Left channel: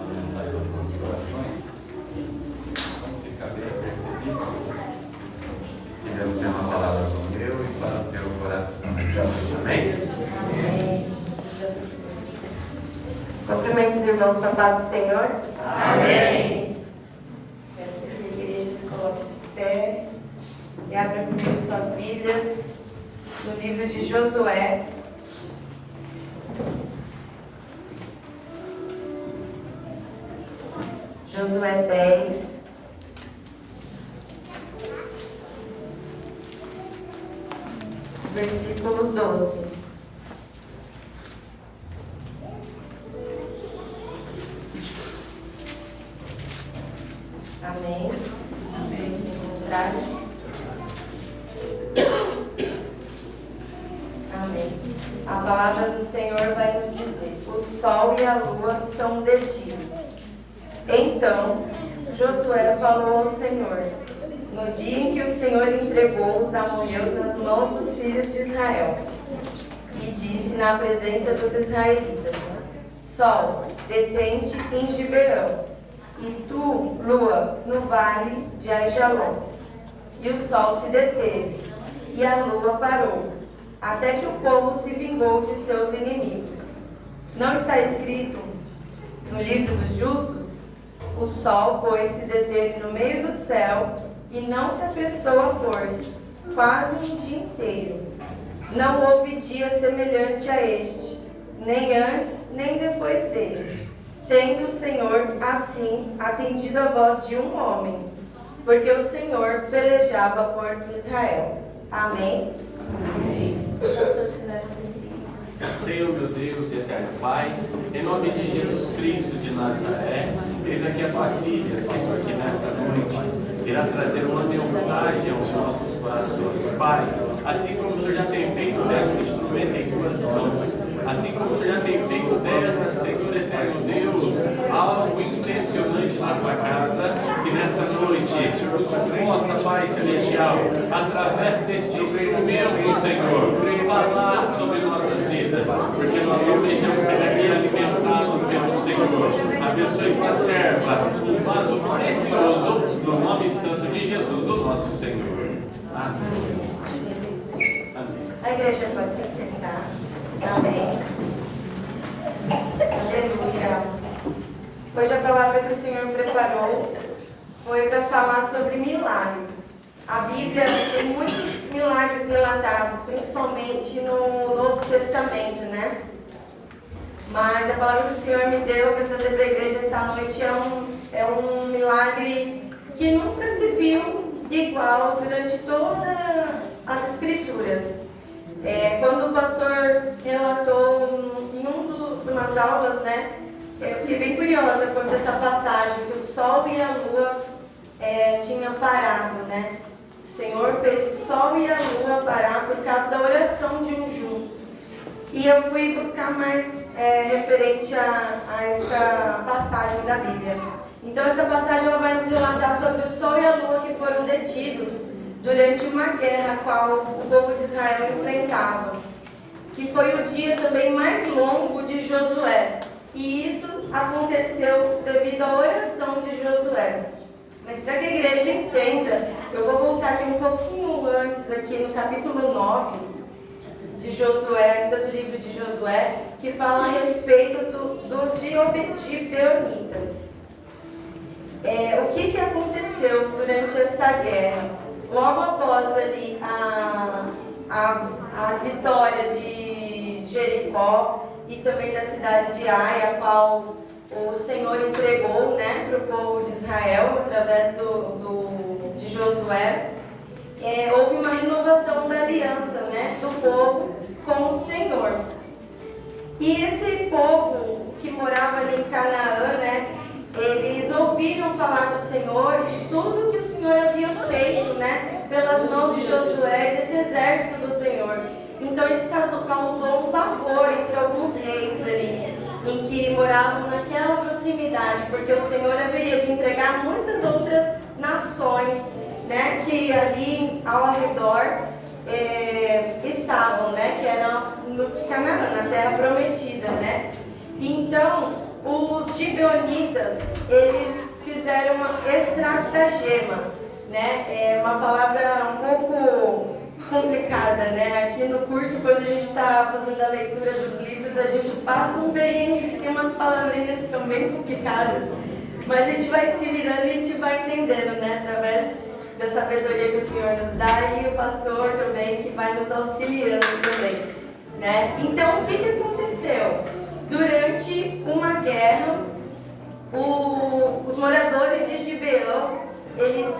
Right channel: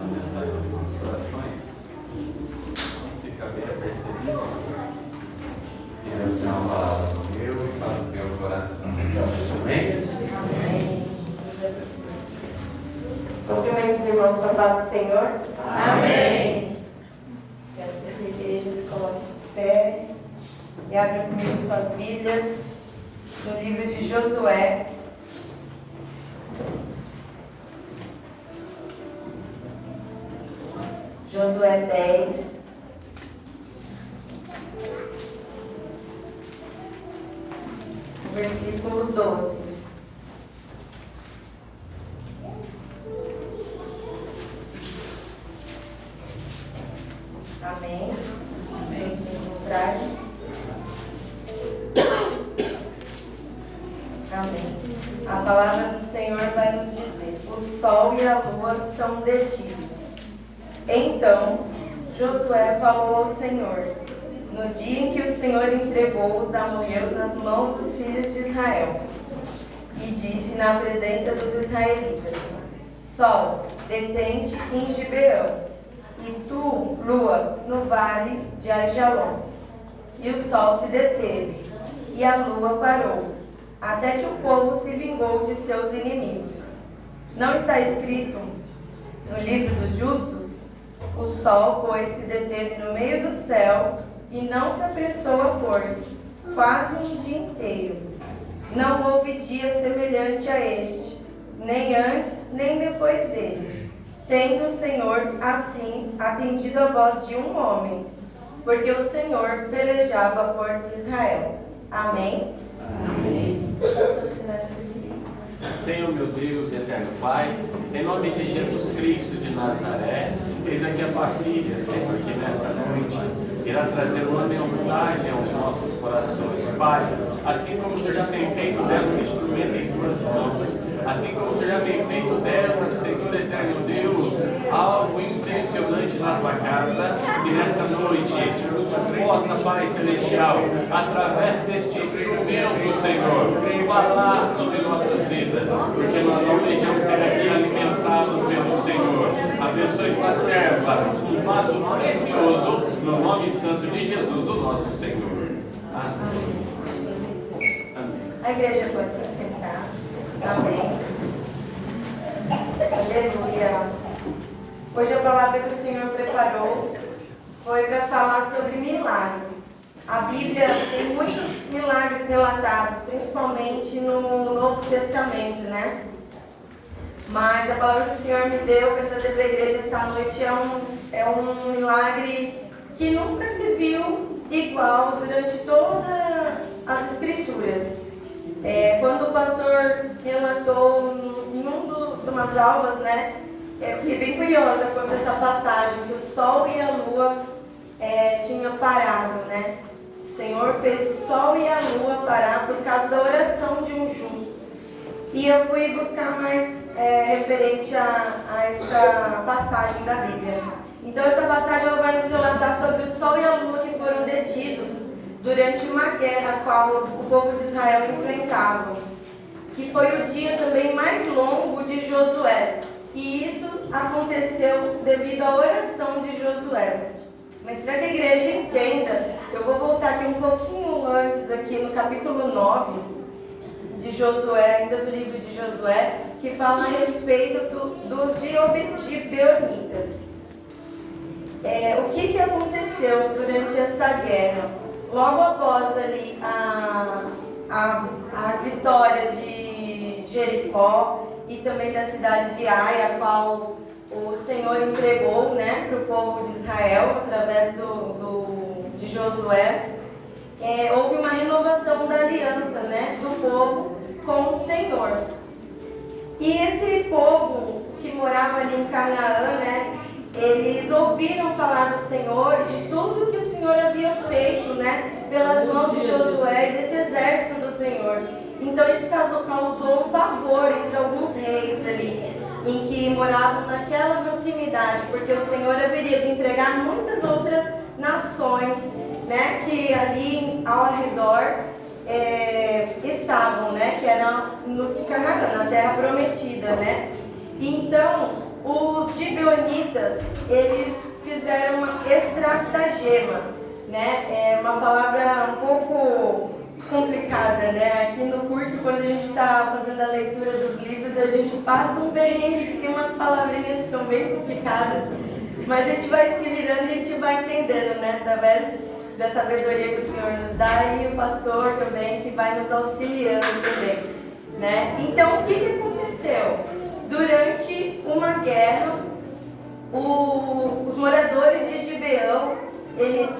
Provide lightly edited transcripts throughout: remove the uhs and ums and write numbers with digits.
A mensagem dos nossos corações. Vamos ficar bem apercebidos que Deus tem uma palavra para o meu e para o teu coração. Amém? Amém. Cumprimento os irmãos com a paz do Senhor. Amém. Peço que a igreja se coloque de pé e abra comigo suas Bíblias no livro de Josué. Josué 10. Versículo 12. Amém. Amém. Sem contrário. Amém. A palavra do Senhor vai nos dizer: o sol e a lua são detidos. Então Josué falou ao Senhor, no dia em que o Senhor entregou os amorreus nas mãos dos filhos de Israel, e disse na presença dos israelitas: Sol, detente em Gibeão, e tu, lua, no vale de Aijalon. E o sol se deteve, e a lua parou, até que o povo se vingou de seus inimigos. Não está escrito no livro dos justos? O sol, pois, se deteve no meio do céu e não se apressou a pôr-se, quase um dia inteiro. Não houve dia semelhante a este, nem antes, nem depois dele, tendo o Senhor, assim, atendido a voz de um homem, porque o Senhor pelejava por Israel. Amém? Amém. Pastor Sinara, Senhor, meu Deus e eterno Pai, em nome de Jesus Cristo de Nazaré, eis aqui a tua filha, Senhor, que nesta noite irá trazer uma mensagem aos nossos corações. Pai, assim como o Senhor já tem feito dela um instrumento em tuas mãos, assim como o Senhor já tem feito dela, Senhor eterno Deus, algo impressionante na tua casa, que nesta noite o Senhor possa, Pai Celestial, através deste instrumento, Senhor, falar sobre nossas vidas, porque nós almejamos ser aqui alimentados pelo Senhor. Abençoe tua serva, um vaso precioso, no nome santo de Jesus, o nosso Senhor. Amém. Amém. A igreja pode se sentar. Amém. Aleluia. Hoje a palavra que o Senhor preparou foi para falar sobre milagre. A Bíblia tem muitos milagres relatados, principalmente no Novo Testamento, né? Mas a palavra que o Senhor me deu para trazer para a igreja essa noite é um milagre que nunca se viu igual durante todas as Escrituras. Quando o pastor relatou em umas aulas, né, eu fiquei bem curiosa quanto a essa passagem, que o sol e a lua tinham parado, né? O Senhor fez o sol e a lua parar por causa da oração de um justo. E eu fui buscar mais referente a essa passagem da Bíblia. Então essa passagem ela vai nos relatar sobre o sol e a lua que foram detidos durante uma guerra a qual o povo de Israel enfrentava, que foi o dia também mais longo de Josué. E isso aconteceu devido à oração de Josué. Mas para que a igreja entenda, eu vou voltar aqui um pouquinho antes, aqui no capítulo 9 de Josué, ainda do livro de Josué, que fala a respeito dos gibeonitas. O que aconteceu durante essa guerra? Logo após ali a vitória de Jericó e também da cidade de Ai, a qual o Senhor entregou, né, para o povo de Israel através de Josué, houve uma renovação da aliança, né, do povo com o Senhor. E esse povo que morava ali em Canaã, né, eles ouviram falar do Senhor e de tudo que o Senhor havia feito, né, pelas mãos de Josué e desse exército do Senhor. Então isso causou um pavor entre alguns reis ali, em que moravam naquela proximidade, porque o Senhor haveria de entregar muitas outras nações, né, que ali ao redor estavam, né, que eram no Canaã, na terra prometida, né. Então os gibeonitas gibeonitas, eles fizeram uma estratagema, né? É uma palavra um pouco complicada, né? Aqui no curso, quando a gente está fazendo a leitura dos livros, a gente passa um perrengue, porque umas palavrinhas que são bem complicadas, mas a gente vai se virando e a gente vai entendendo, né? Através da sabedoria que o Senhor nos dá e o pastor também, que vai nos auxiliando também, né? Então, o que aconteceu? Durante uma guerra, os moradores de Gibeão, eles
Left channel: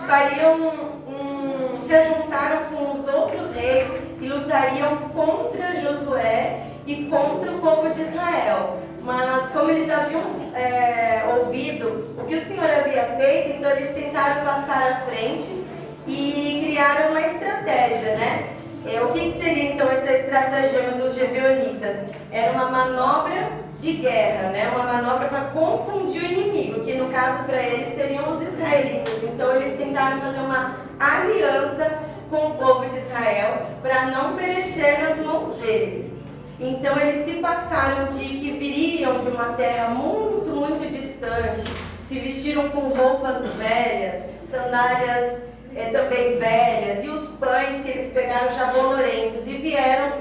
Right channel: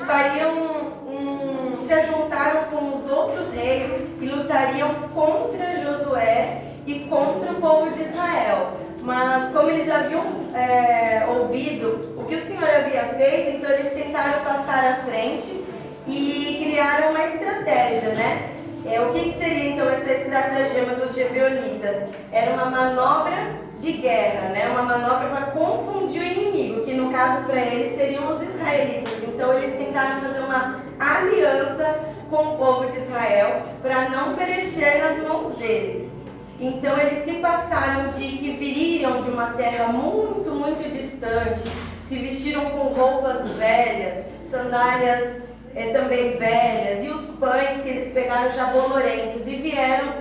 se juntaram com os outros reis e lutariam contra Josué e contra o povo de Israel. Mas como eles já haviam ouvido o que o Senhor havia feito, então eles tentaram passar à frente e criaram uma estratégia, né? O que seria então essa estratagema dos gibeonitas? Era uma manobra de guerra, né? Uma manobra para confundir o inimigo, que no caso para eles seriam os israelitas. Então eles tentaram fazer uma aliança com o povo de Israel para não perecer nas mãos deles. Então eles se passaram de que viriam de uma terra muito, muito distante, se vestiram com roupas velhas, sandálias também velhas, e os pães que eles pegaram já bolorentos, e vieram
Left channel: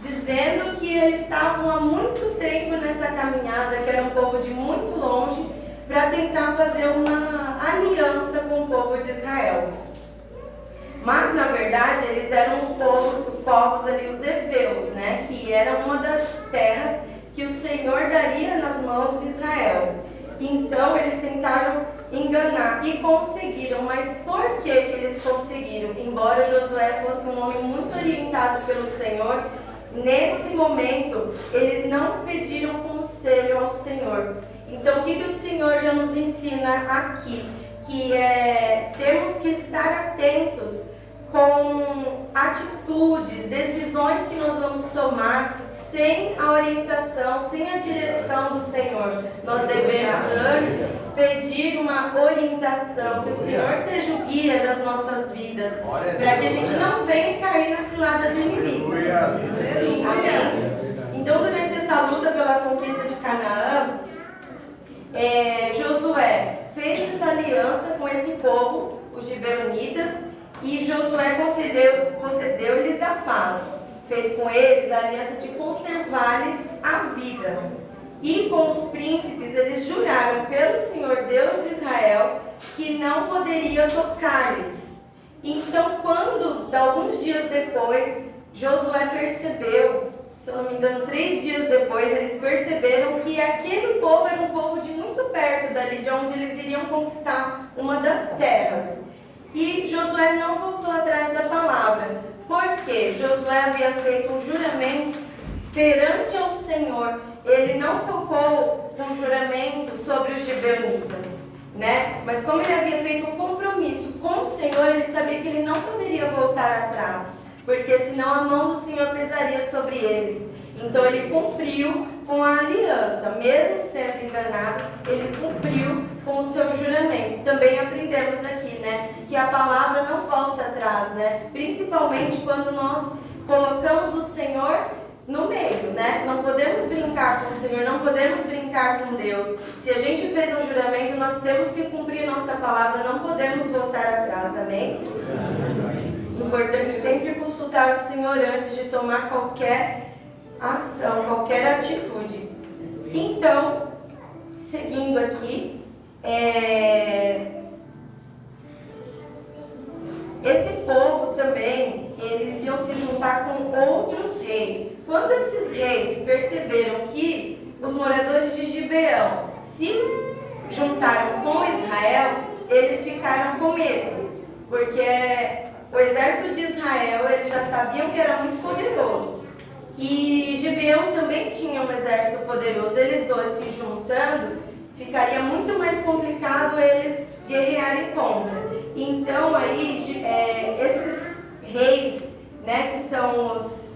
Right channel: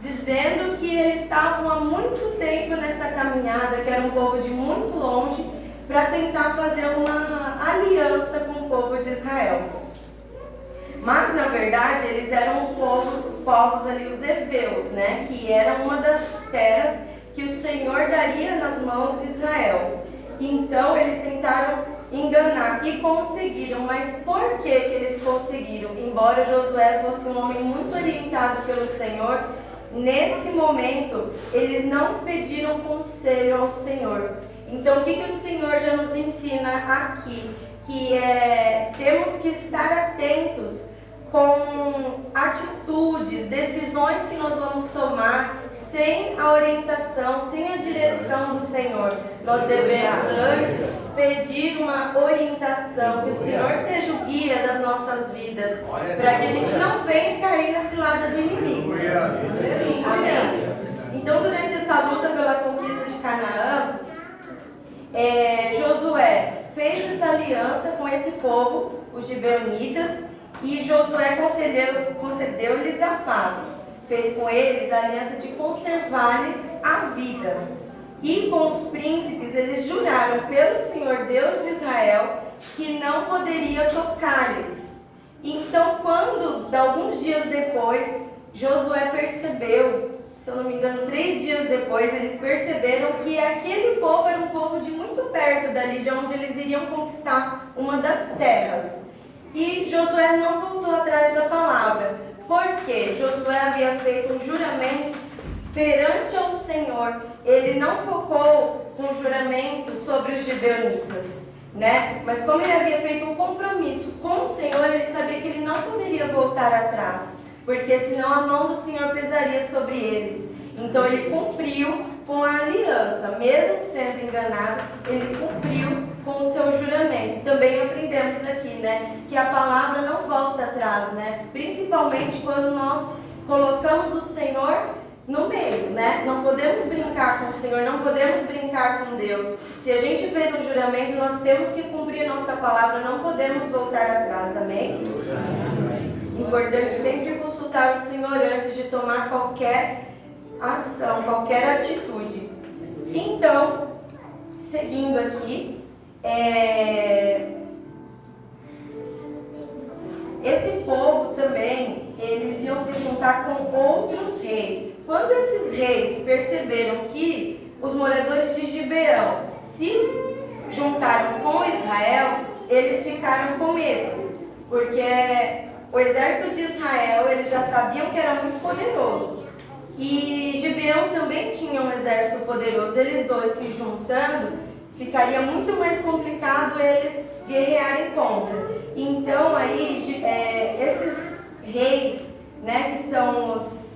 dizendo que eles estavam há muito tempo nessa caminhada, que era um povo de muito longe, para tentar fazer uma aliança com o povo de Israel. Mas, na verdade, eles eram os povos ali, os heveus, né? Que era uma das terras que o Senhor daria nas mãos de Israel. Então, eles tentaram enganar e conseguiram. Mas por que eles conseguiram? Embora Josué fosse um homem muito orientado pelo Senhor, nesse momento, eles não pediram conselho ao Senhor. Então, o que o Senhor já nos ensina aqui? Que temos que estar atentos com atitudes, decisões que nós vamos tomar sem a orientação, sem a direção do Senhor. Nós devemos antes pedir uma orientação, que o Senhor seja o guia das nossas vidas, para que a gente não venha cair na cilada do inimigo. Amém? Então, durante essa luta pela conquista de Canaã, Josué fez essa aliança com esse povo, os gibeonitas, e Josué concedeu-lhes a paz. Fez com eles a aliança de conservar-lhes a vida. E com os príncipes eles juraram pelo Senhor Deus de Israel que não poderia tocar-lhes. Então, alguns dias depois, Josué percebeu, se eu não me engano, 3 dias depois, eles perceberam que aquele povo era um povo de muito perto dali, de onde eles iriam conquistar uma das terras. E Josué não voltou atrás da palavra, porque Josué havia feito um juramento perante ao Senhor. Ele não focou um juramento sobre os gibeonitas, né? Mas como ele havia feito um compromisso com o Senhor, ele sabia que ele não poderia voltar atrás, porque senão a mão do Senhor pesaria sobre eles. Então ele cumpriu com a aliança, mesmo sendo enganado, ele cumpriu com o seu juramento. Também aprendemos aqui, né, que a palavra não volta atrás, né? Principalmente quando nós colocamos o Senhor no meio, né? Não podemos brincar com o Senhor, não podemos brincar com Deus. Se a gente fez um juramento, nós temos que cumprir nossa palavra, não podemos voltar atrás, amém? Importante sempre consultar o Senhor antes de tomar qualquer ação, qualquer atitude. Então, seguindo aqui, esse povo também, eles iam se juntar com outros reis. Quando esses reis perceberam que os moradores de Gibeão se juntaram com Israel, eles ficaram com medo, porque o exército de Israel, eles já sabiam que era muito poderoso. E Gibeão também tinha um exército poderoso. Eles dois se juntando, ficaria muito mais complicado eles guerrearem contra. Então aí, esses reis, né, que são os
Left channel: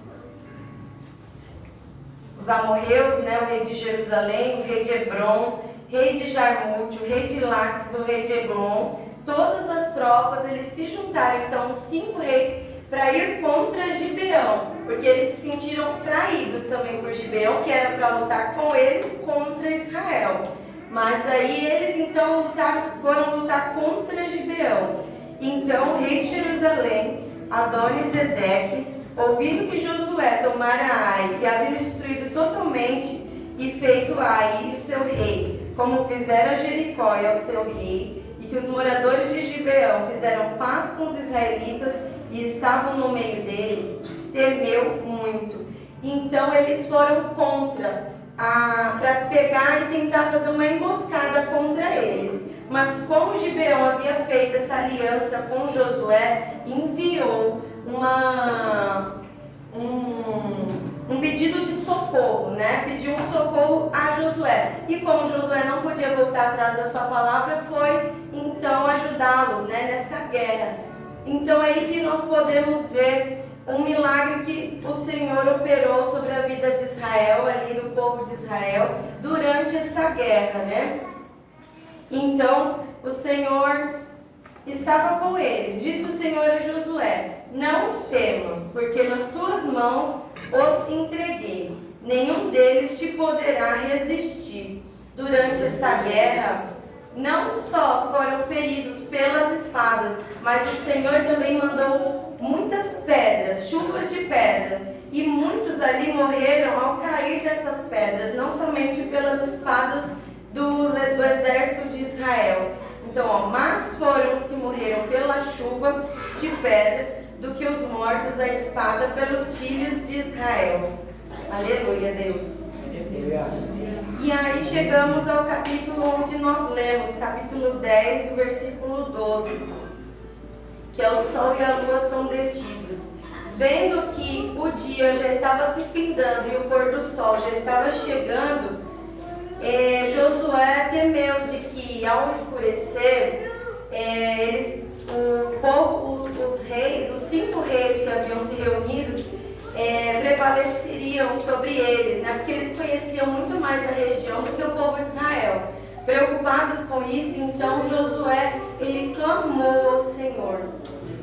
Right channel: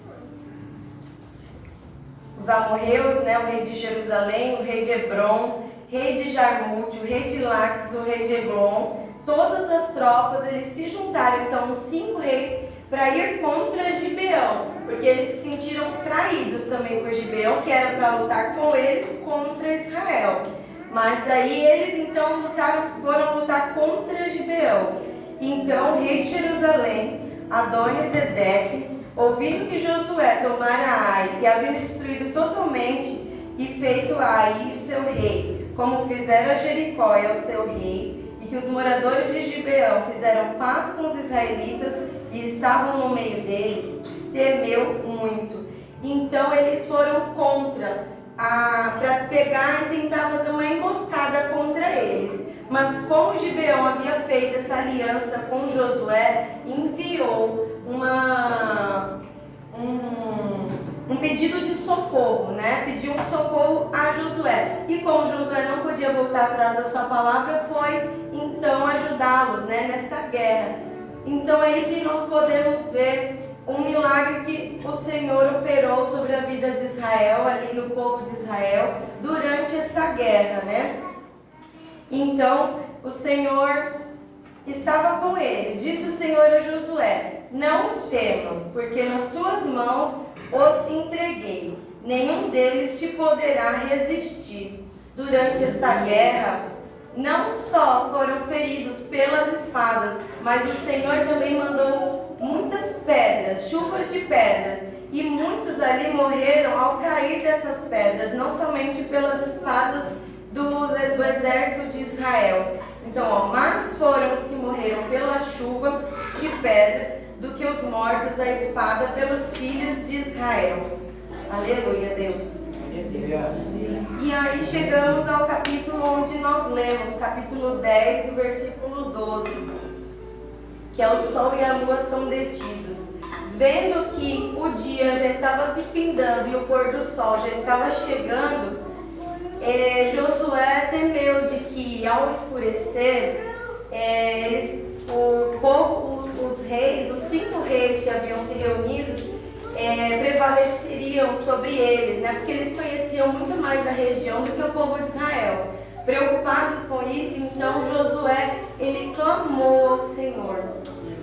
amorreus, né, o rei de Jerusalém, o rei de Hebron, rei de Jarmute, o rei de Laques, o rei de Eglon, todas as tropas, eles se juntaram, então os 5 reis, para ir contra Gibeão, porque eles se sentiram traídos também por Gibeão, que era para lutar com eles contra Israel. Mas daí eles então foram lutar contra Gibeão. Então o rei de Jerusalém, Adoni-Zedeque, ouvindo que Josué tomara Ai e havia destruído totalmente e feito a Ai o seu rei, como fizera Jericó e ao seu rei, e que os moradores de Gibeão fizeram paz com os israelitas e estavam no meio deles, temeu muito. Então eles foram contra, para pegar e tentar fazer uma emboscada contra eles. Mas como Gibeão havia feito essa aliança com Josué, enviou um pedido de socorro, né? Pediu um socorro a Josué. E como Josué não podia voltar atrás da sua palavra, foi então ajudá-los, né, nessa guerra. Então é aí que nós podemos ver um milagre que o Senhor operou sobre a vida de Israel, ali do povo de Israel, durante essa guerra, né? Então o Senhor estava com eles. Disse o Senhor a Josué: não os temas, porque nas tuas mãos os entreguei. Nenhum deles te poderá resistir. Durante essa guerra, não só foram feridos pelas espadas, mas o Senhor também mandou muitas pedras, chuvas de pedras, e muitos ali morreram ao cair dessas pedras, não somente pelas espadas do exército de Israel. Então, mais foram os que morreram pela chuva de pedra do que os mortos da espada pelos filhos de Israel. Aleluia, Deus. E aí chegamos ao capítulo onde nós lemos, capítulo 10, versículo 12, que é o sol e a lua são detidos. Vendo que o dia já estava se findando e o pôr do sol já estava chegando, Josué temeu de que ao escurecer, o povo, os reis, os 5 reis que haviam se reunidos, prevaleceriam sobre eles, né? Porque eles conheciam muito mais a região do que o povo de Israel. Preocupados com isso, então Josué, ele clamou ao Senhor.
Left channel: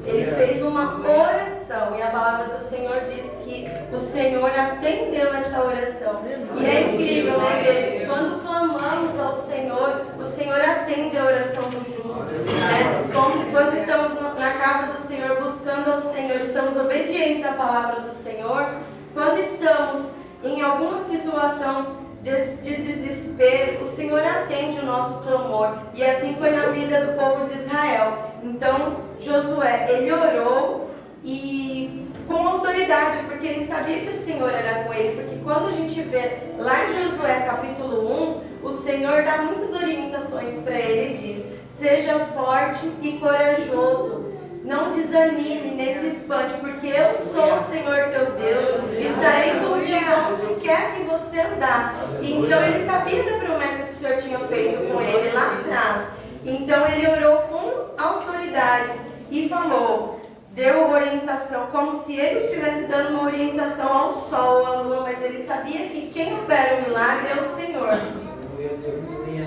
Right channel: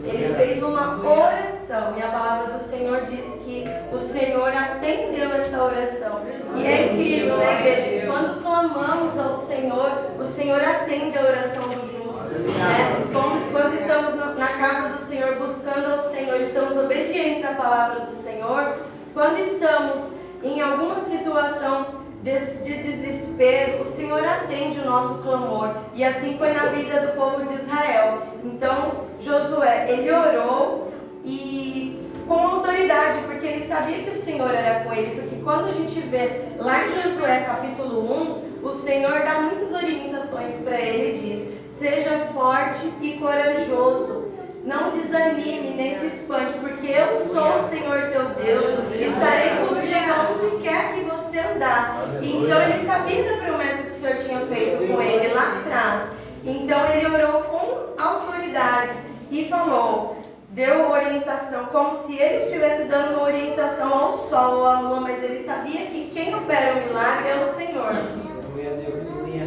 Ele fez uma oração e a palavra do Senhor diz que o Senhor atendeu essa oração. E é incrível, né, igreja, que quando clamamos ao Senhor, o Senhor atende a oração do justo. Né? Quando estamos na casa do Senhor, buscando ao Senhor, estamos obedientes à palavra do Senhor. Quando estamos em alguma situação de desespero, o Senhor atende o nosso clamor. E assim foi na vida do povo de Israel. Então Josué, ele orou e com autoridade, porque ele sabia que o Senhor era com ele. Porque quando a gente vê lá em Josué capítulo 1, o Senhor dá muitas orientações para ele. Ele diz: seja forte e corajoso, não desanime nem se espante, porque eu sou o Senhor teu Deus, estarei contigo onde quer que você andar. Então ele sabia da promessa que o Senhor tinha feito com ele lá atrás. Então ele orou com autoridade e falou, deu orientação, como se ele estivesse dando uma orientação ao sol ou à lua, mas ele sabia que quem opera o milagre é o Senhor.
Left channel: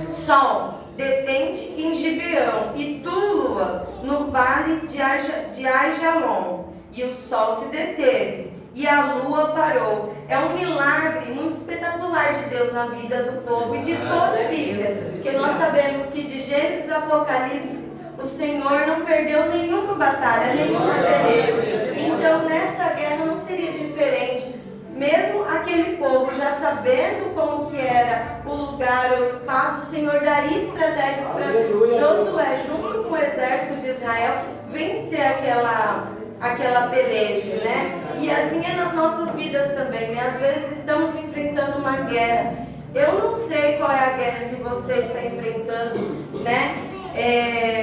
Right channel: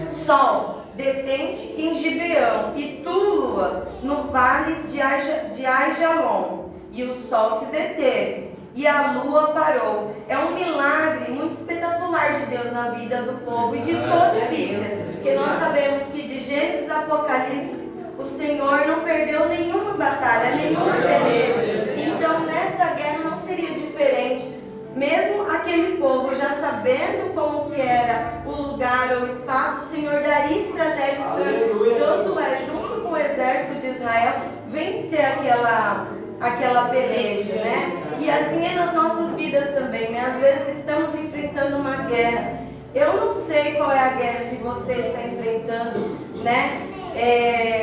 Sol, detente em Gibeão, e tu, lua, no vale de Aijalon. E o sol se deteve, e a lua parou. É um milagre muito espetacular de Deus na vida do povo e de toda a Bíblia. Porque nós sabemos que de Gênesis a Apocalipse, o Senhor não perdeu nenhuma batalha, nenhuma peleja. Então nessa guerra não seria diferente. Mesmo aquele povo já sabendo como que era o lugar ou o espaço, o Senhor daria estratégias para Josué, junto com o exército de Israel, vencer aquela peleja, né? E assim é nas nossas vidas também, né? Às vezes estamos enfrentando uma guerra. Eu não sei qual é a guerra que você está enfrentando, né?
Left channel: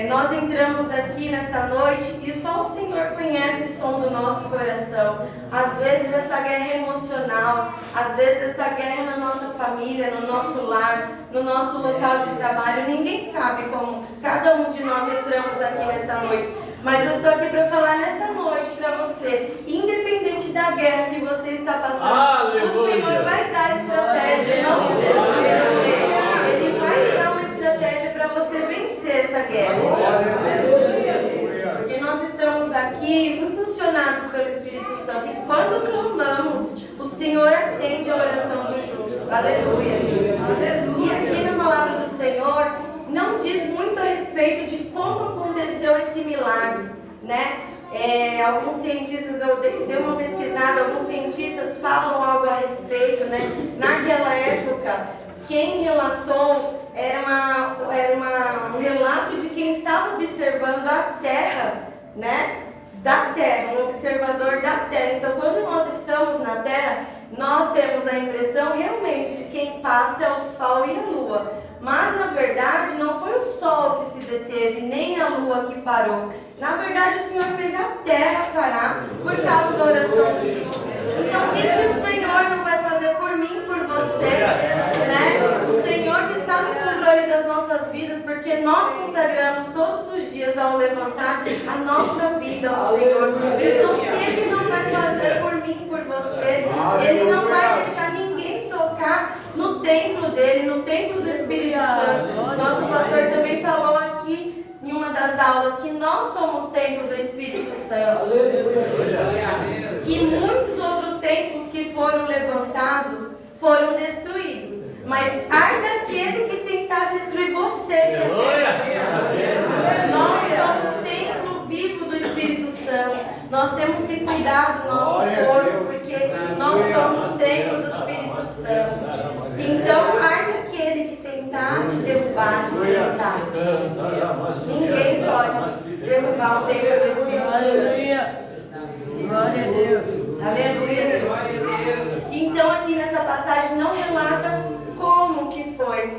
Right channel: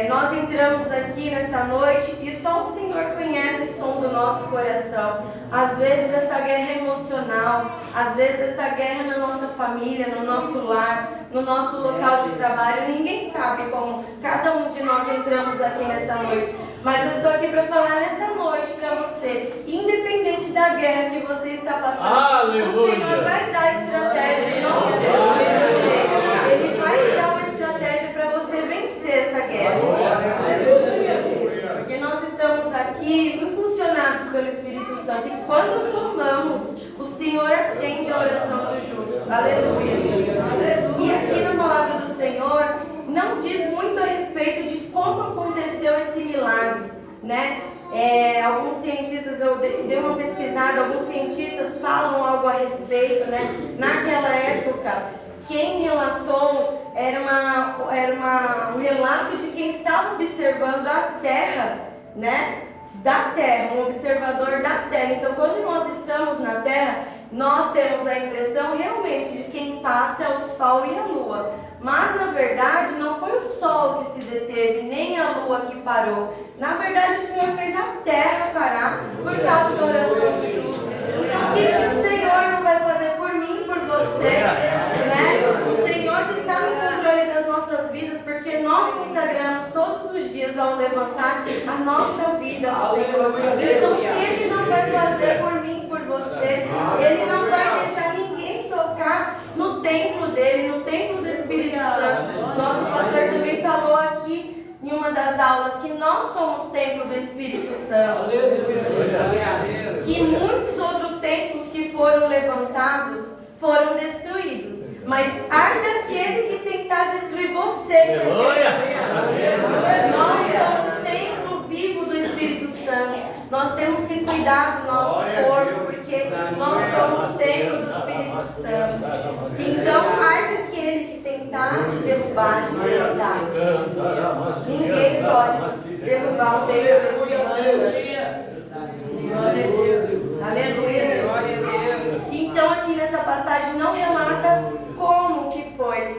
Nós entramos aqui nessa noite e só o Senhor conhece o som do nosso coração. Às vezes essa guerra é emocional, às vezes essa guerra é na nossa família, no nosso lar, no nosso local de trabalho. Ninguém sabe como cada um de nós entramos aqui nessa noite. Mas eu estou aqui para falar nessa noite para você, independente da guerra que você está passando, aleluia, o Senhor vai dar estratégia em nome de Jesus. Ele vai te dar uma estratégia para você vencer essa guerra. Porque nós estamos aqui impulsionados pelo Espírito Santo, e quando clamamos, o Senhor atende a oração do justo. Aleluia. E aqui na palavra do Senhor, Senhor não diz muito a respeito de como aconteceu esse milagre, né? Alguns cientistas, eu dei uma pesquisada, alguns cientistas falam algo a respeito, né? Naquela época, quem relatou era um relato de quem estava observando a Terra, né? Da Terra, um observador da Terra. Então, quando nós estamos na Terra, nós temos a impressão realmente de quem passa é o Sol e a Lua. Mas, na verdade, não foi o Sol que se deteve, nem a Lua que parou. Na verdade, o Senhor fez a Terra parar por causa da oração do justo. Então, o que o Senhor não vai fazer por mim, por você, né? O Senhor que está no controle das nossas vidas, porque nós consagramos todos os dias ao levantar a nossa vida ao Senhor. Então, o que Ele não vai fazer por mim, por você? Ele não vai deixar ninguém tocar no templo dele, no templo do Espírito Santo. Nosso pastor também falou aqui em uma das aulas que nós somos templo do Espírito Santo. Que muitos outros templos que foram levantados foram destruídos. Mas ai daquele que tentar destruir você. Nós somos templo vivo do Espírito Santo. Nós temos que cuidar do nosso corpo, porque nós somos templo do Espírito Santo. Então, ai daquele que tentar te derrubar, te derrubar. Ninguém pode derrubar o templo do Espírito Santo. Glória a Deus. Aleluia, Deus. Então, aqui nessa passagem não relata como que foi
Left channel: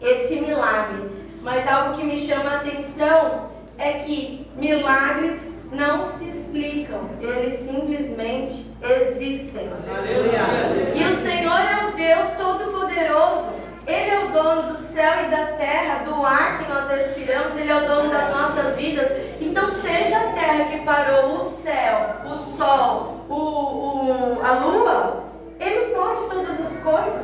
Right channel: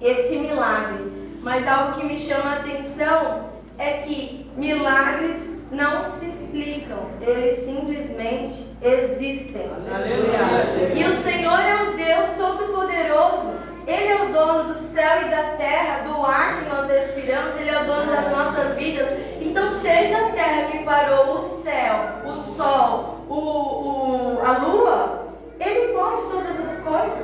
esse milagre, mas algo que me chama a atenção é que milagres não se explicam, eles simplesmente existem. E o Senhor é o Deus Todo-Poderoso. Ele é o dono do céu e da terra, do ar que nós respiramos. Ele é o dono das nossas vidas. Então, seja a terra que parou, o céu, o sol, a lua, Ele pode todas as coisas.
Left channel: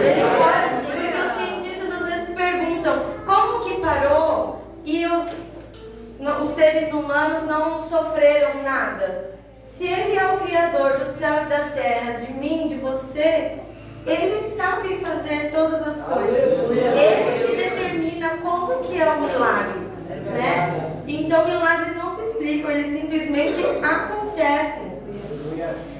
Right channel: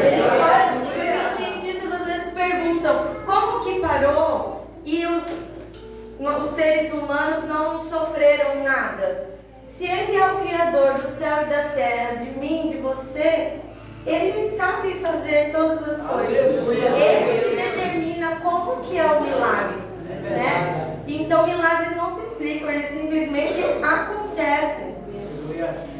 Ele pode. Porque os cientistas às vezes perguntam como que parou e os seres humanos não sofreram nada. Se Ele é o Criador do céu e da terra, de mim, de você, Ele sabe fazer todas as coisas. Ele que determina como que é o milagre, né? Então milagres não se explicam, eles simplesmente acontecem.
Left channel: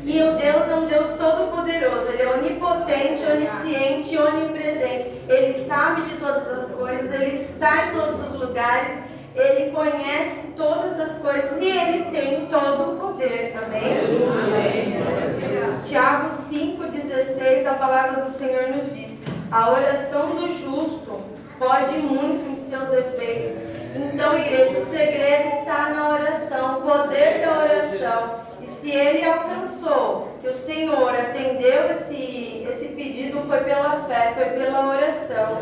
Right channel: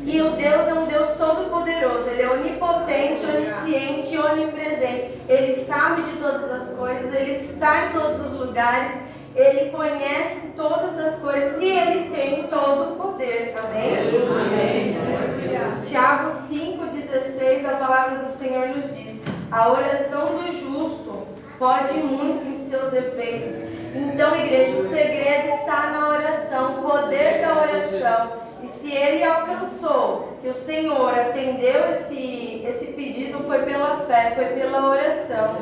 E o Deus é um Deus todo-poderoso. Ele é onipotente, onisciente e onipresente. Ele sabe de todas as coisas, Ele está em todos os lugares, Ele conhece todas as coisas e Ele tem todo o poder também. Tiago 5,16, a palavra do Senhor nos diz: a oração do justo pode muito em seus efeitos. Então, igreja, o segredo está na oração, o poder da oração. E se Ele alcançou, que o Senhor atendeu esse pedido, foi pela fé, foi pela oração.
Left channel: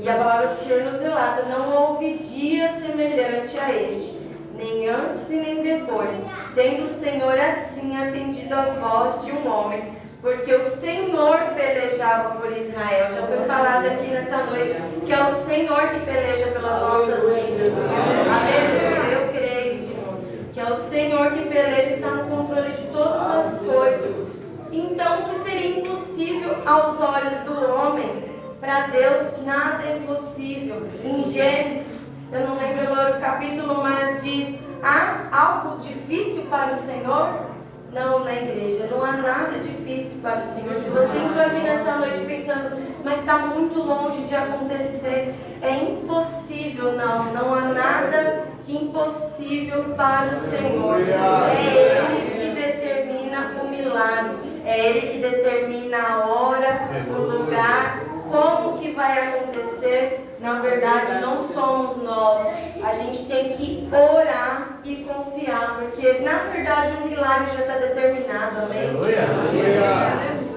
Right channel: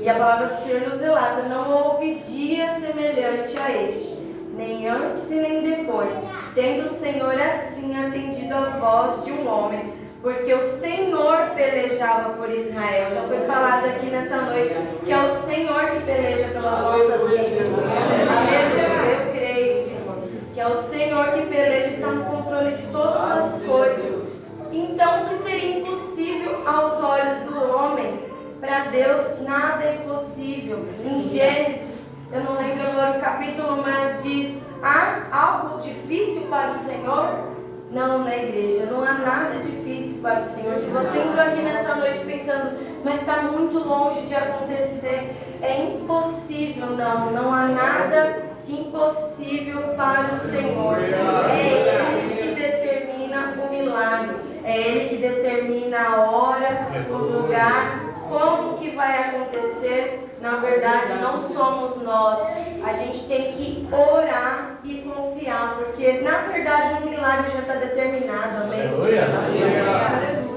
E a palavra do Senhor nos relata: não houve dia semelhante a este, nem antes e nem depois, tendo o Senhor assim atendido a voz de um homem, porque o Senhor pelejava por Israel. Já foi falado aqui nessa noite que é o Senhor que peleja pelas nossas vidas. Aleluia, eu creio, Senhor, que é o Senhor que peleja, está no controle de todas as coisas. Então, o que seria impossível aos olhos do homem, para Deus nada é impossível. Em Gênesis, eu não lembro agora o capítulo, mas diz: há algo difícil para o Senhor? Não, na igreja, não há nada difícil para o Senhor. Se você entrou aqui nessa noite pensando, mas está muito longe de acontecer, é impossível. Não há nada impossível para o Senhor. É Ele que determina o milagre, é Ele que determina a hora, o lugar, como que vai acontecer. Na verdade, não somos nós. A gente tem que orar e confiar, porque na verdade o milagre já está determinado. Amém?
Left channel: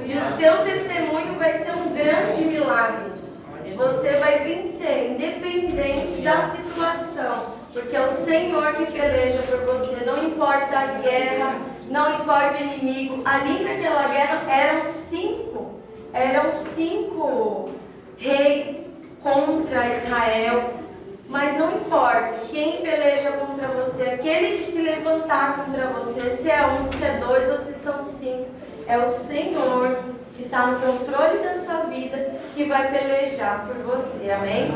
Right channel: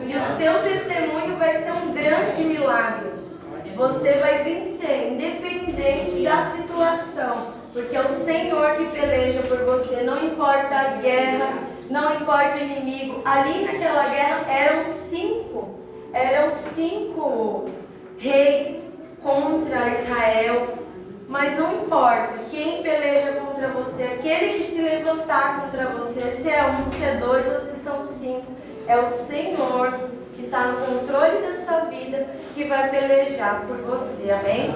E o seu testemunho vai ser um grande milagre. Você vai vencer, independente da situação, porque é o Senhor que peleja por você. Não importa a guerra, não importa o inimigo. Ali naquela guerra eram cinco reis contra Israel, mas não importa quem peleja contra você, aquele que se levantar contra você, se é um, se é dois ou se são cinco, é o Senhor que que está no controle da sua vida, que vai pelejar por você. Amém?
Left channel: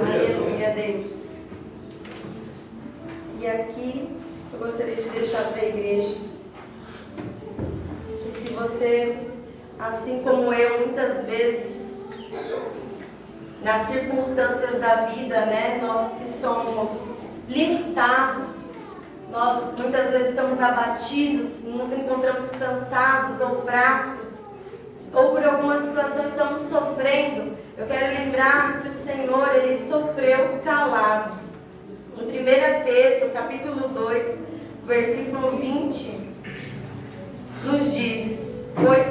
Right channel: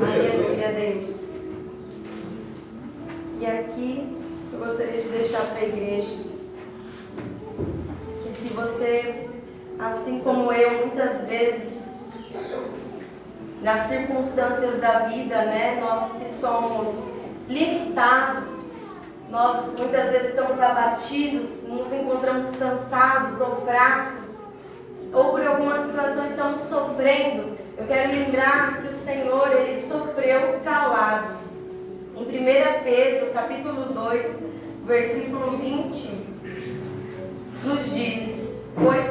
Aleluia, Deus. E aqui eu gostaria de deixar para a igreja que se você, assim como eu, muitas vezes, nas circunstâncias da vida, né, nós que somos limitados, nós muitas vezes estamos abatidos, nos encontramos cansados ou fracos, ou por alguma situação estamos sofrendo. Eu quero lembrar que o Senhor, Ele sofreu calado. Em 1 Pedro, capítulo 2, versículo 20, nos diz: Pois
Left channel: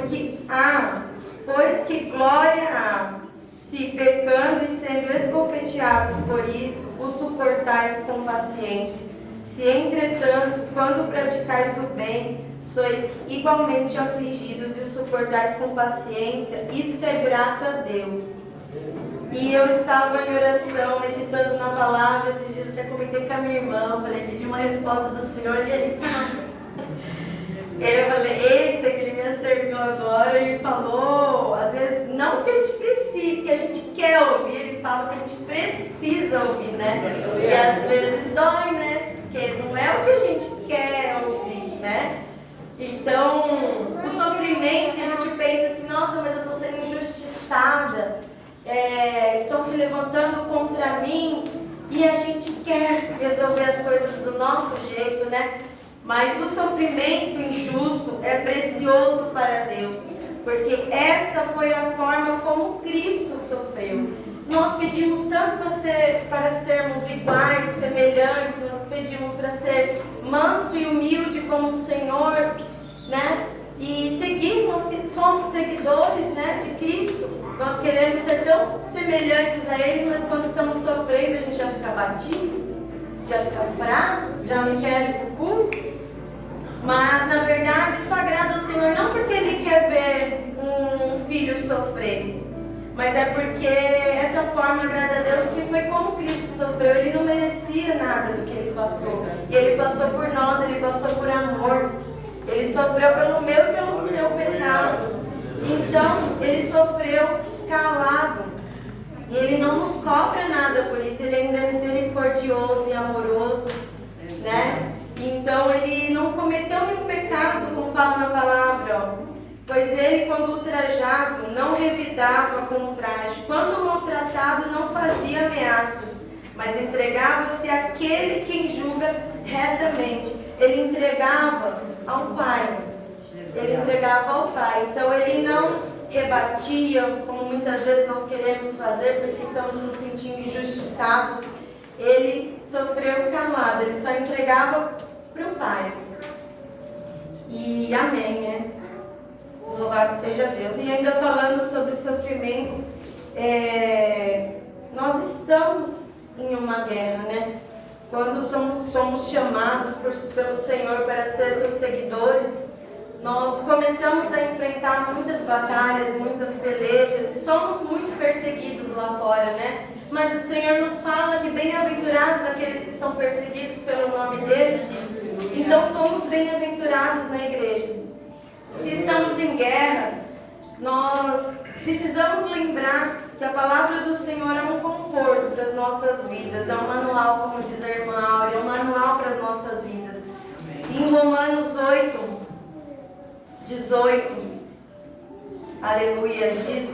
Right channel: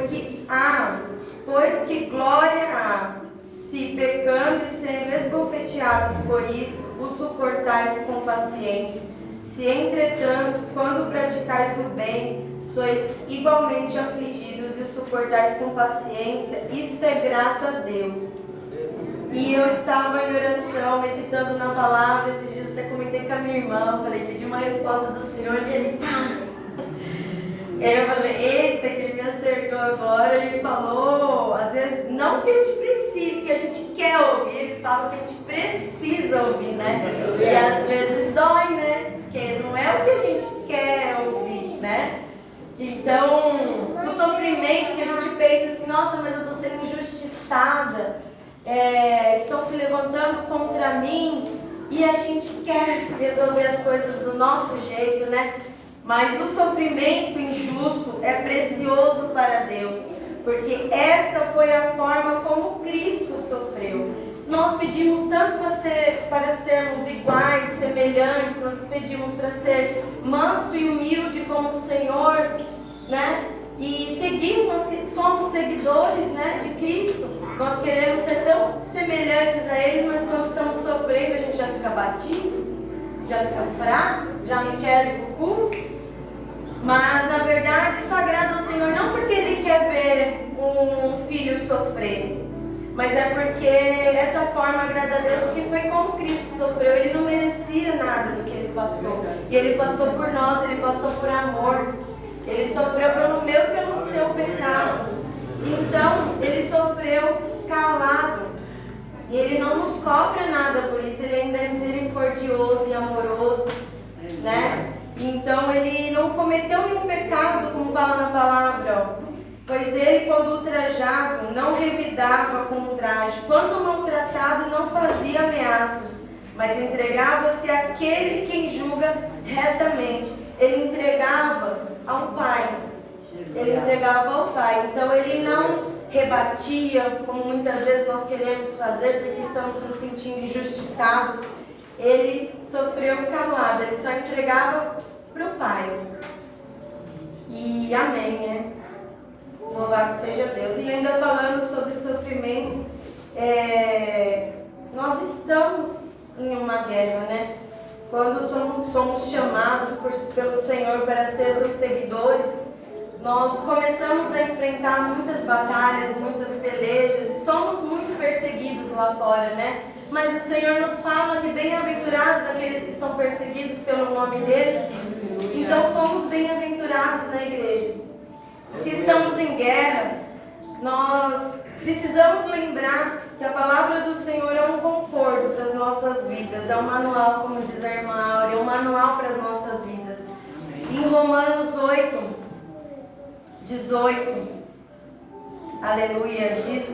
que glória há, se pecando e sendo esbofeteados por isso, o suportais com paciência. Se entretanto, quando praticais o bem, sois igualmente afligidos e o suportais com paciência, isto é grato a Deus. E eu estava em oração, meditando na palavra, esses dias até comentei com a minha irmã, eu falei, pedi uma resposta do Senhor e ele, pá! E aí eu falei, eita, que ele me acertou agora e falou, às vezes, não que a gente precise, que a gente quer ouvir, ele fala que a gente precisa ouvir, né? E às vezes dói, né? Porque não é o que a gente quer ouvir, né? Então, o sofrimento que a gente pensa assim, nossa, mas eu estou sendo injustiçada, estão se levantando contra mim, e a gente quer resolver as coisas do nosso jeito, né? Mas o sofrimento injusto é precioso para Deus, porque essa foi a forma como Cristo sofreu. Nós pedimos tanto para sermos iguais, semelhantes, nós pedimos para ser manso e humilde como o Senhor, né? E seguir, nós somos seguidores, né, de Cristo, nós queremos ser tão semelhantes a eles, mas quando estamos sofrendo a gente já fica abatido, já fica fraco, já não quer ir para o culto. Mas na verdade isso agrada ao Senhor não porque Ele quer ver um filho sofrer, mas é porque essa forma agrada a Deus, porque foi como Cristo sofreu. Ele não merecia nada do que Ele passou, e Ele passou por nós, Ele passou por amor, Ele sofreu pelo meu e pelo seu pecado. Então Ele sofreu calado, e Ele não nos cobra nada por isso. Ele ainda é misericordioso e amoroso, né? Então Ele não cometeu nenhum pecado, como fala na palavra, ó. Pois Ele, quando ultrajado, não revidava com ultraje, quando maltratado, não fazia ameaças, mas entregava-se àquele quem julga retamente. Ele entregava ao Pai. Ele entregava ao Pai. Então Ele não rebatia, como muitas vezes nós queremos fazer, porque estamos nos sentindo injustiçados. Ele sofreu calado, Ele só entregava para o Pai. E amém, né? Louvado seja Deus. E ainda falando sobre sofrimento, nós estamos em uma guerra, né? Quando somos chamados pelo Senhor para ser seus seguidores, nós começamos a enfrentar muitas batalhas, muitas pelejas, e somos muito perseguidos lá fora, né? Mas o Senhor nos fala que bem-aventurados aqueles que são perseguidos pelo nome dEle. Então somos bem-aventurados na igreja. Se estamos em guerra, nós precisamos lembrar que a palavra do Senhor é um conforto para as nossas vidas, é um manual, como diz a irmã Áurea, é um manual para as nossas vidas. Em Romanos 8, 18, aleluia, diz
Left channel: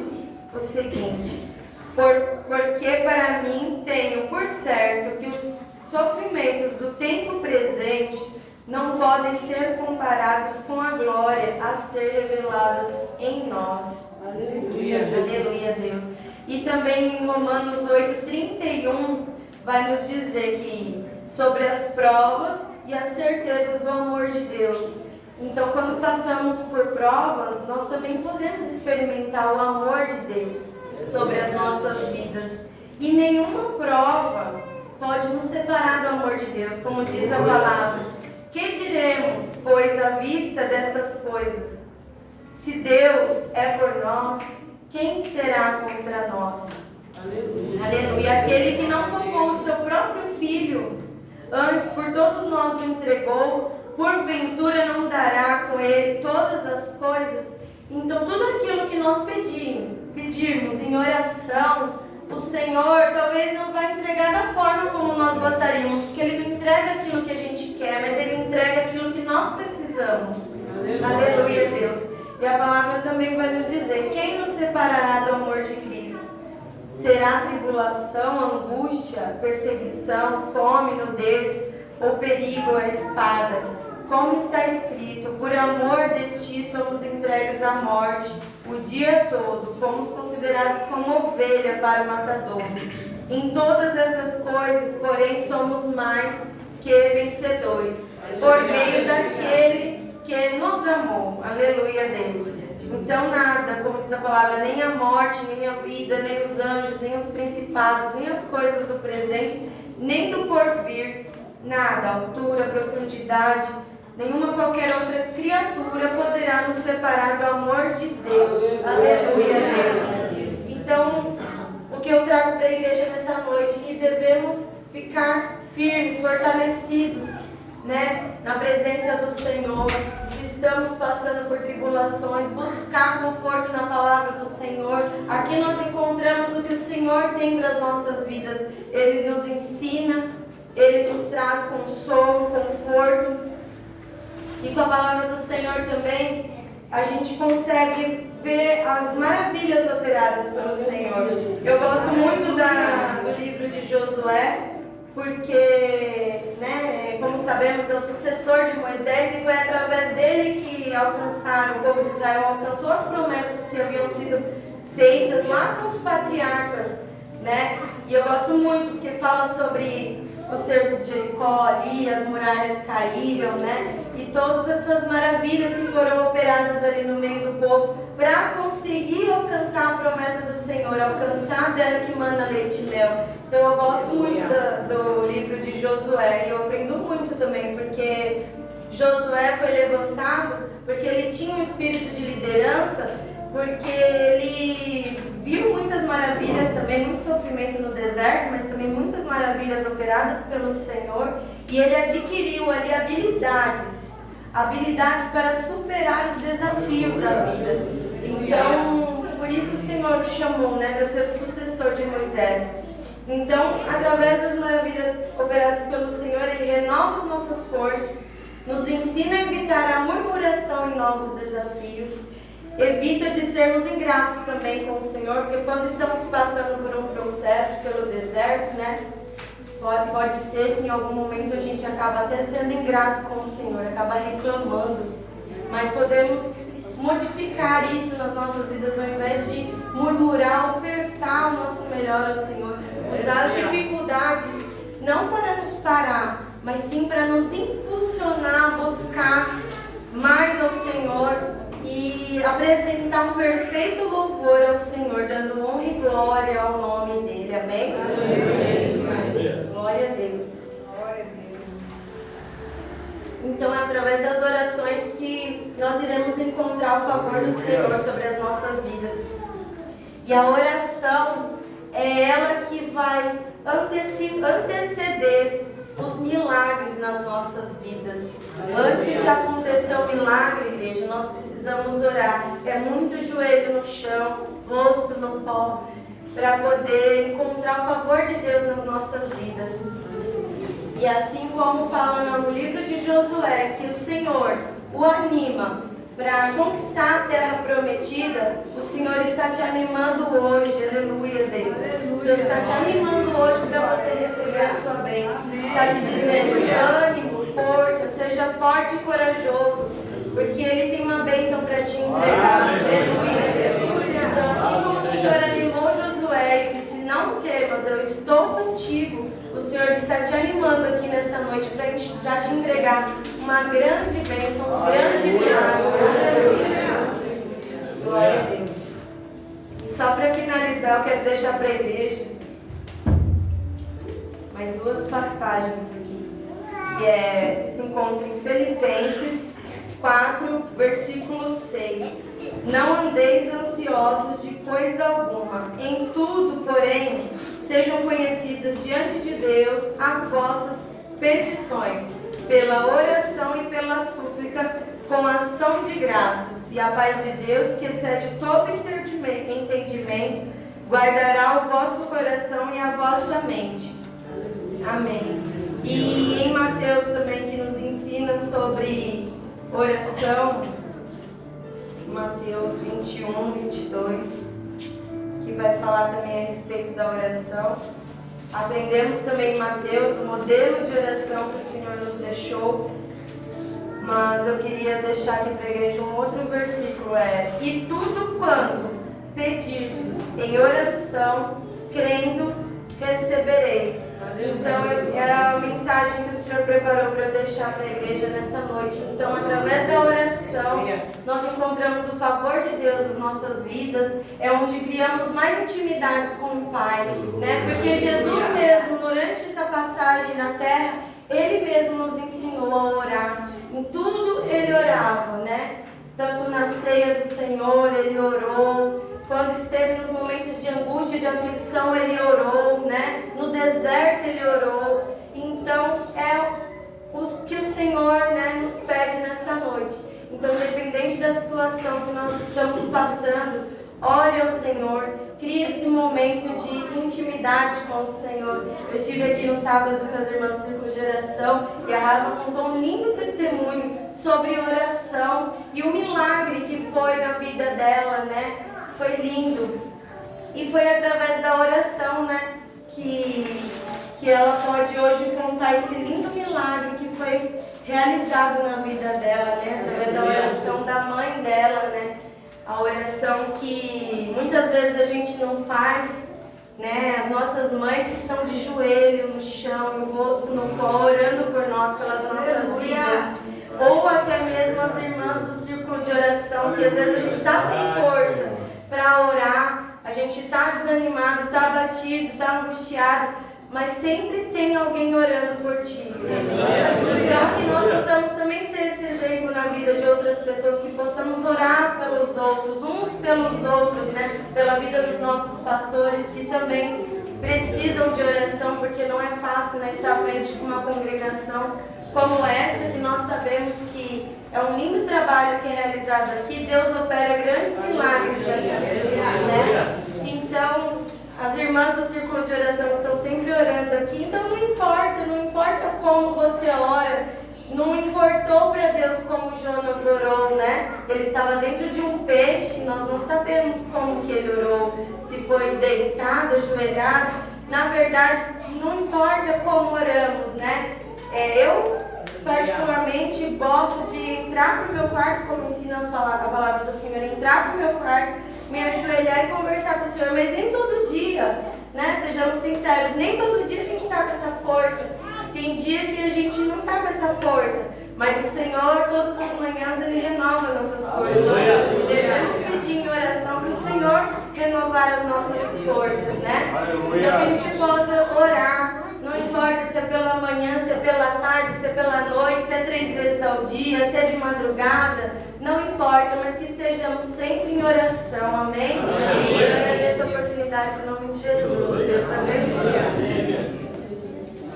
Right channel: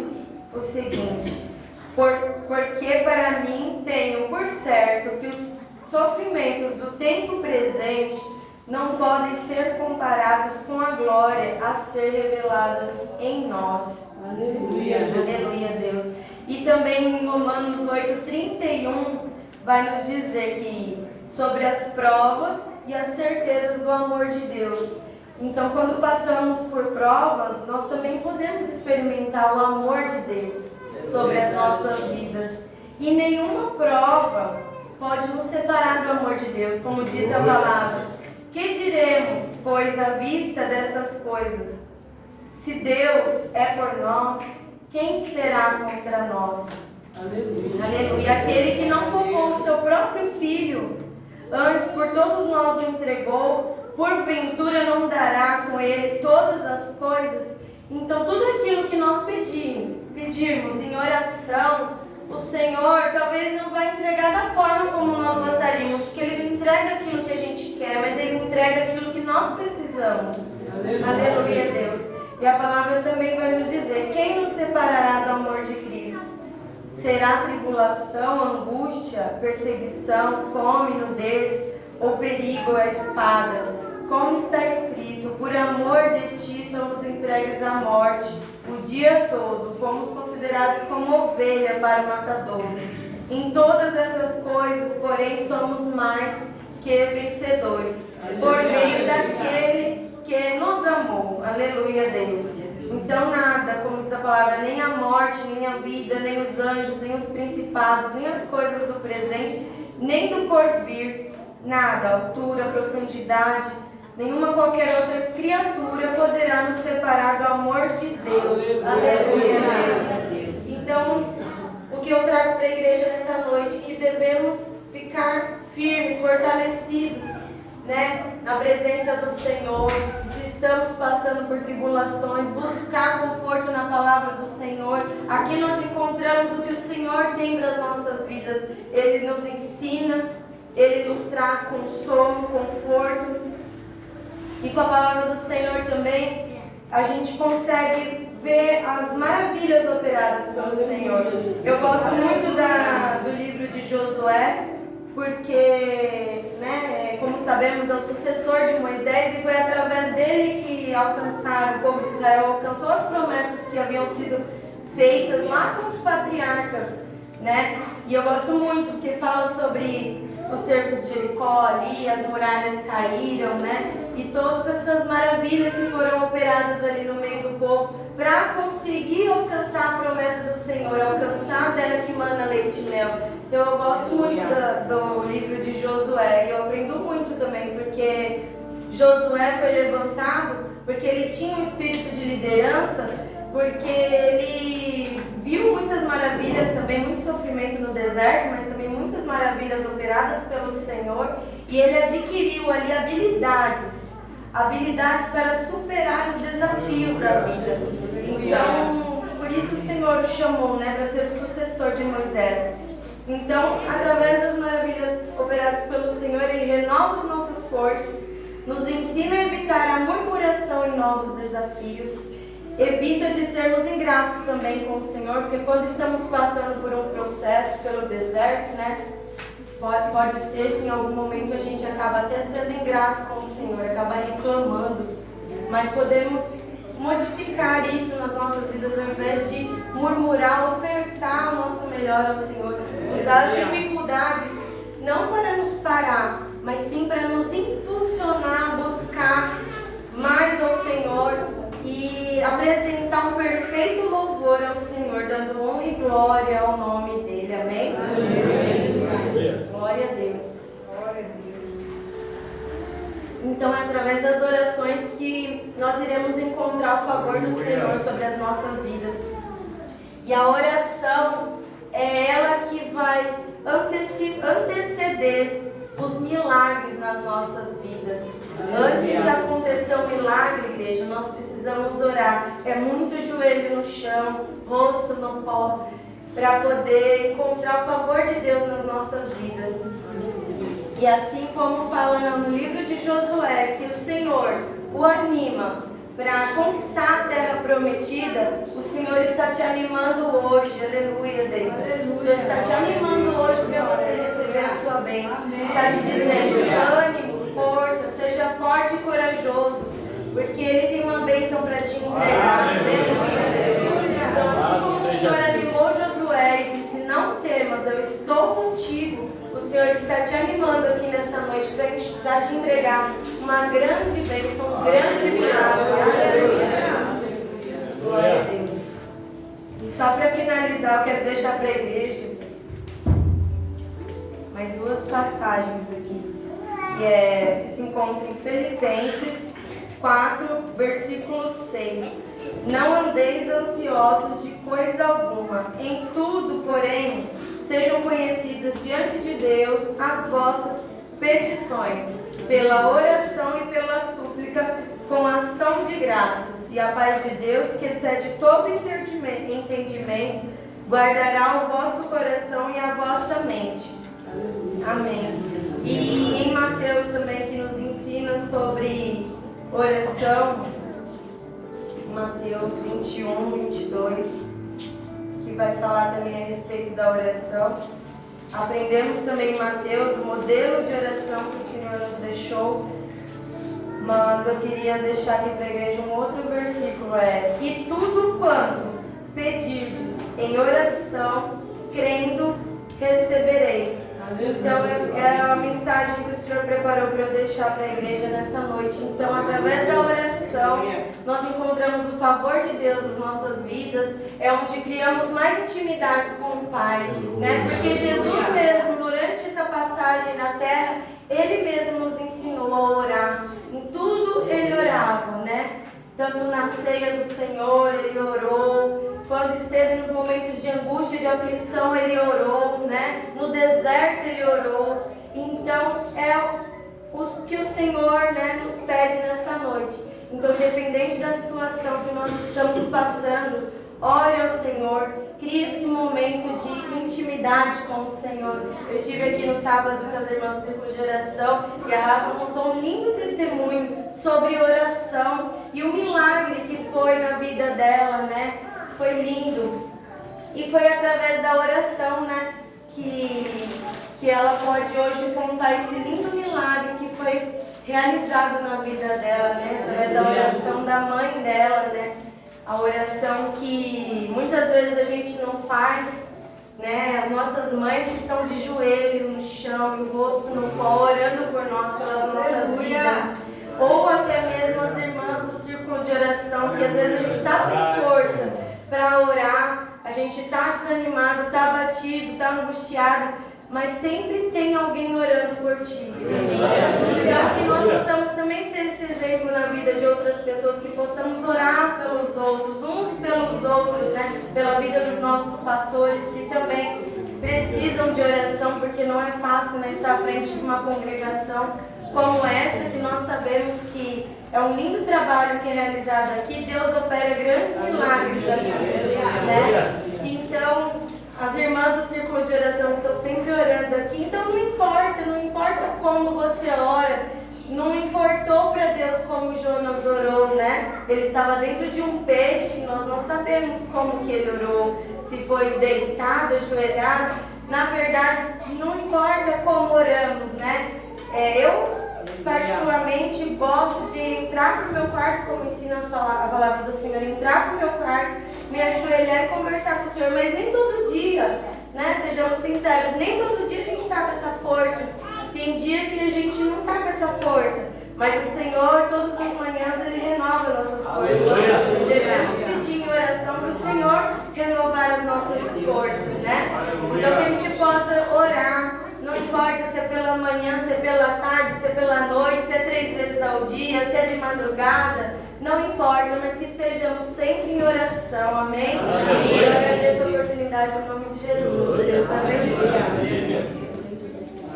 o seguinte: porque para mim tenho por certo que os sofrimentos do tempo presente não podem ser comparados com a glória a ser reveladas em nós. Aleluia, aleluia, Deus. E também em Romanos 8:31 vai nos dizer que sobre as provas e as certezas do amor de Deus. Então, quando passamos por provas, nós também podemos experimentar o amor de Deus sobre as nossas vidas. E nenhuma prova pode nos separar do amor de Deus, como diz a palavra. Que diremos, pois, à vista dessas coisas? Se Deus é por nós, quem será contra nós? Aleluia. Aleluia. Aquele que não poupou o seu próprio filho, antes por todos nós o entregou, porventura não dará com ele todas as coisas? Então, tudo aquilo que nós pedirmos em oração, o Senhor talvez não vai entregar da forma como nós gostaríamos, porque Ele não entrega aquilo que a gente quer, mas Ele entrega aquilo que nós precisamos. Aleluia, Deus. E a palavra também vai nos dizer: quem nos separará do amor de Cristo? Será tribulação, angústia, perseguição, fome, nudez, ou perigo, a espada? Como está escrito: por amor de ti somos entregues à morte o dia todo, fomos considerados como ovelha para o matador. Em todas essas coisas, porém, somos mais que vencedores, por meio daquele que nos amou. Aleluia, Deus. Então nada, como diz a palavra, nem a morte, nem a vida, nem os anjos, nem os principados, nem as coisas do presente, nem do porvir, nada, altura, profundidade, nenhuma qualquer outra criatura poderá nos separar do amor de Deus. Aleluia, Deus. Então, o que eu trago para a igreja nessa noite é que devemos ficar firmes, fortalecidos, na presença do Senhor. Se estamos passando por tribulações, buscar conforto na palavra do Senhor. Aqui nós encontramos o que o Senhor tem para as nossas vidas. Ele nos ensina, Ele nos traz consolo, conforto. E com a palavra do Senhor também, a gente consegue ver as maravilhas operadas pelo Senhor. Eu gosto muito do livro de Josué, porque, como sabemos, é o sucessor de Moisés, e foi através dele que o povo de Israel alcançou as promessas que haviam sido feitas lá com os patriarcas, E eu gosto muito, porque fala sobre o cerco de Jericó ali, as muralhas caíram, E todas essas maravilhas que foram operadas ali no meio do povo para conseguir alcançar a promessa do Senhor, alcançar a terra que mana leite e mel. Então eu gosto muito do livro de Josué, e eu aprendo muito também, porque Josué foi levantado porque ele tinha um espírito de liderança, porque ele viu muitas maravilhas também, muito sofrimento no deserto, mas também muitas maravilhas operadas pelo Senhor, e ele adquiriu ali habilidades para superar os desafios da vida. Então, por isso o Senhor o chamou, para ser o sucessor de Moisés. Então, através das maravilhas operadas pelo Senhor, Ele renova as nossas forças, nos ensina a evitar a murmuração em novos desafios, evita de sermos ingratos também com o Senhor, porque quando estamos passando por um processo pelo deserto, pode ser que em algum momento a gente acaba até sendo ingrato com o Senhor, acaba reclamando, mas podemos modificar isso nas nossas vidas, ao invés de murmurar, ofertar o nosso melhor ao Senhor, usar as dificuldades não para nos parar, mas sim para nos impulsionar a buscar mais ao Senhor e apresentar um perfeito louvor ao Senhor, dando honra e glória ao nome dele. Amém? Amém. Glória a Deus. Então é através das orações que nós iremos encontrar o favor do Senhor sobre as nossas vidas. E a oração é ela que vai anteceder os milagres nas nossas vidas. Antes de acontecer o milagre, igreja, nós precisamos orar. É muito joelho no chão, rosto no pó, para poder encontrar o favor de Deus nas nossas vidas. E assim como fala no livro de Josué, que o Senhor o anima para conquistar a terra prometida, o Senhor está te animando hoje, aleluia, Deus. O Senhor está te animando hoje para você receber a sua bênção. Está te dizendo: ânimo, força, seja forte e corajoso, porque Ele tem uma bênção para te entregar, aleluia, Deus. Então, assim como o Senhor animou Josué e disse: não temas, eu estou contigo, o Senhor está te animando aqui nessa noite para te entregar uma grande bênção, um grande milagre. Glória a Deus. E só para finalizar, eu quero deixar para a igreja mais duas passagens aqui, que se encontram em Filipenses 4, versículo 6. Não andeis ansiosos de coisa alguma, em tudo, porém, sejam conhecidas diante de Deus as vossas petições, pela oração e pela súplica, com ação de graças. e a paz de Deus, que excede todo entendimento, guardará o vosso coração e a vossa mente. Amém. E em Mateus também, que nos ensina sobre oração, Mateus 21, 22, que vai falar também a respeito da oração. Aprendemos também em Mateus o modelo de oração que o Senhor nos deixou, mas eu queria deixar aqui para a igreja um outro versículo, e tudo quanto pedirdes em oração, crendo, recebereis. Então é a mensagem que o Senhor preparou para eu deixar para a igreja nessa noite. Então, através da oração, nós encontramos o favor de Deus nas nossas vidas, é onde criamos mais intimidades com o Pai, né? Porque Jesus mesmo, durante essa passagem na terra, Ele mesmo nos ensinou a orar. Em tudo Ele orava, né? Tanto na ceia do Senhor Ele orou, quando esteve nos momentos de angústia e de aflição Ele orou, né? No deserto Ele orou. Então é o que o Senhor, né, nos pede nessa noite. Então, independente da situação que nós estamos passando, ore ao Senhor, crie esse momento de intimidade com o Senhor. Eu estive aqui no sábado com as irmãs do Círculo de Oração e a Rafa contou um lindo testemunho sobre oração e o milagre que foi na vida dela, né? Foi lindo. E foi através da oração, né, que ela pode hoje contar esse lindo milagre que foi realizado na vida dela, né? Através da oração da mãe dela, né? A oração que muitas vezes a gente não faz, né? As nossas mães que estão de joelho no chão, o rosto no pó, orando por nós, pelas nossas vidas. Ou até mesmo as irmãs do círculo de oração, que às vezes a gente está sem força para orar, a gente está desanimado, está abatido, está angustiado, mas sempre tem alguém orando por ti. Então, que nós possamos também ser esse exemplo na vida de outras pessoas, que possamos orar pelos outros, uns pelos outros, né? Pela vida dos nossos pastores, que também precisam de oração, porque não é fácil, né, estar à frente de uma congregação como essa, que nós sabemos que é um lindo trabalho que é realizado aqui. Deus opera grandes milagres aqui, né? Então, as irmãs do círculo de oração estão sempre orando aqui. Então, não importa como você ora. Não importou para Deus como Jonas orou, né? Ele estava dentro de um peixe, nós não sabemos como que ele orou, se foi deitado, ajoelhado. Na verdade, não importa como oramos, né? Eu particularmente gosto de entrar para o meu quarto, como ensina a palavra do Senhor, entrar para o meu quarto, me ajoelhar e conversar com o Senhor, mas nem todo dia, né? Sejamos sinceros, nem todo dia a gente está com essa força. Tem dia que a gente não está com essa força, mas o Senhor, todas as manhãs, Ele renova nossas forças. Nós devemos pedir em oração para o Senhor renovar as nossas forças, né? Então, que a gente possa orar. Não importa se é pela manhã, se é pela tarde, se é pela noite, se é 3 vezes ao dia, se é de madrugada, não importa, mas que estejamos sempre em oração, amém? Eu agradeço a oportunidade em nome de Jesus. Deus abençoe.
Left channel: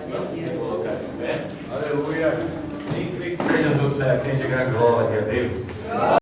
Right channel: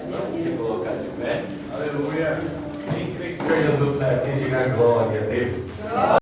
Vamos se colocar de pé. Aleluia. Quem crê que seja sucesso, sem diga glória a Deus.